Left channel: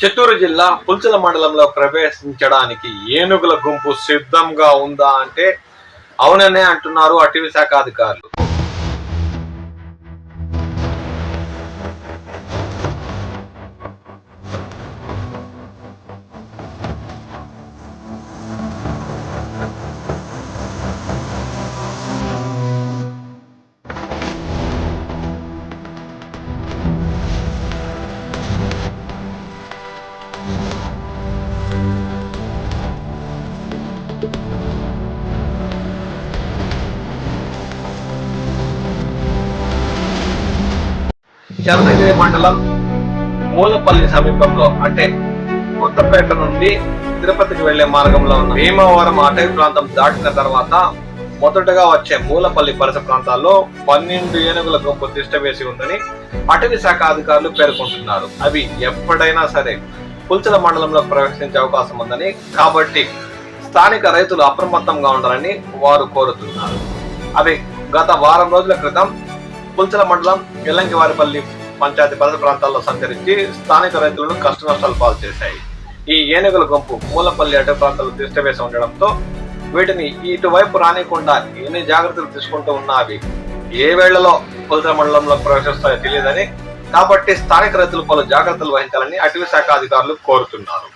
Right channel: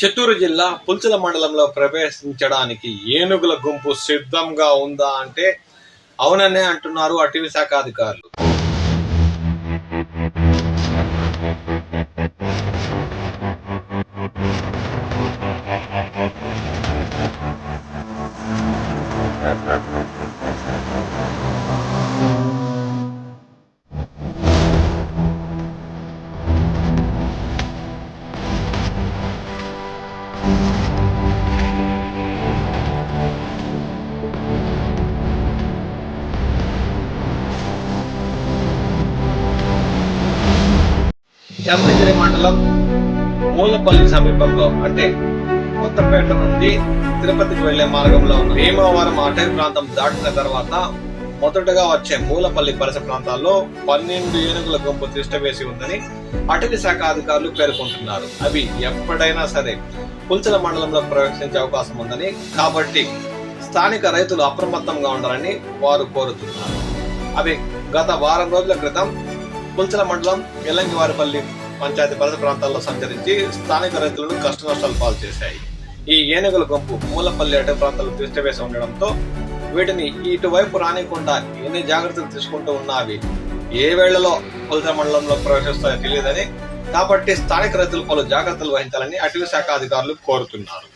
చిత్తూరు జిల్లా పుల్చల మండలంలో ప్రవేశించడానికి ఏనుగుల గుంపు సిద్ధంగా ఉందా అంటే అవుననే అంటున్నారు అటవీ శాఖ అధికారులు. చంద్రగిరి మండలం మూలపల్లి సమీపంలో అంటే కొత్తపేట నుండి తిరుపతికి వెళ్ళే మార్గంలో ఉన్న భీమవరం అటవీ ప్రాంతం దాటిన తర్వాత మొదటగా వచ్చే మూలపల్లి పరిస ప్రాంతాల్లో పన్నెండు ఏనుగుల గుంపు తిష్ట వేసి ఉందని అటవీ శాఖ అధికారులు పేర్కొంటున్నారు. అవి ఎప్పుడైనా సరే పుల్చల మండలంలో ప్రవేశించే అవకాశం ఉందని కాబట్టి స్థానిక రైతులు అప్రమత్తంగా ఉండాలని వారు కోరుతున్నారు. అవి గత వారం రోజుల క్రితం పుంచల మండలం ఎల్లంకివారిపల్లి పంచాయతీ పరిధి ప్రాంతాల్లో సంచరించి స్థానిక రైతులను కష్ట నష్టాలు పాలు చేశాయి. ఈ ఏనుగుల గుంపు మూలపల్లి అటవీ ప్రాంతాలు తిష్టవేసి ఉండడంతో వీటిని ఇటువైపు రానికుండా ఎన్ని జాగ్రత్తలు తీసుకుంటూ ఉన్నావి? ఏ వేళలో పులసల మండలంలో ప్రవేశిస్తాయో తెలియదని కాబట్టి స్థానిక రైతులు పలు జాగ్రత్తలు వహించాలని అటవీ శాఖ అధికారులు కోరుతున్నారు.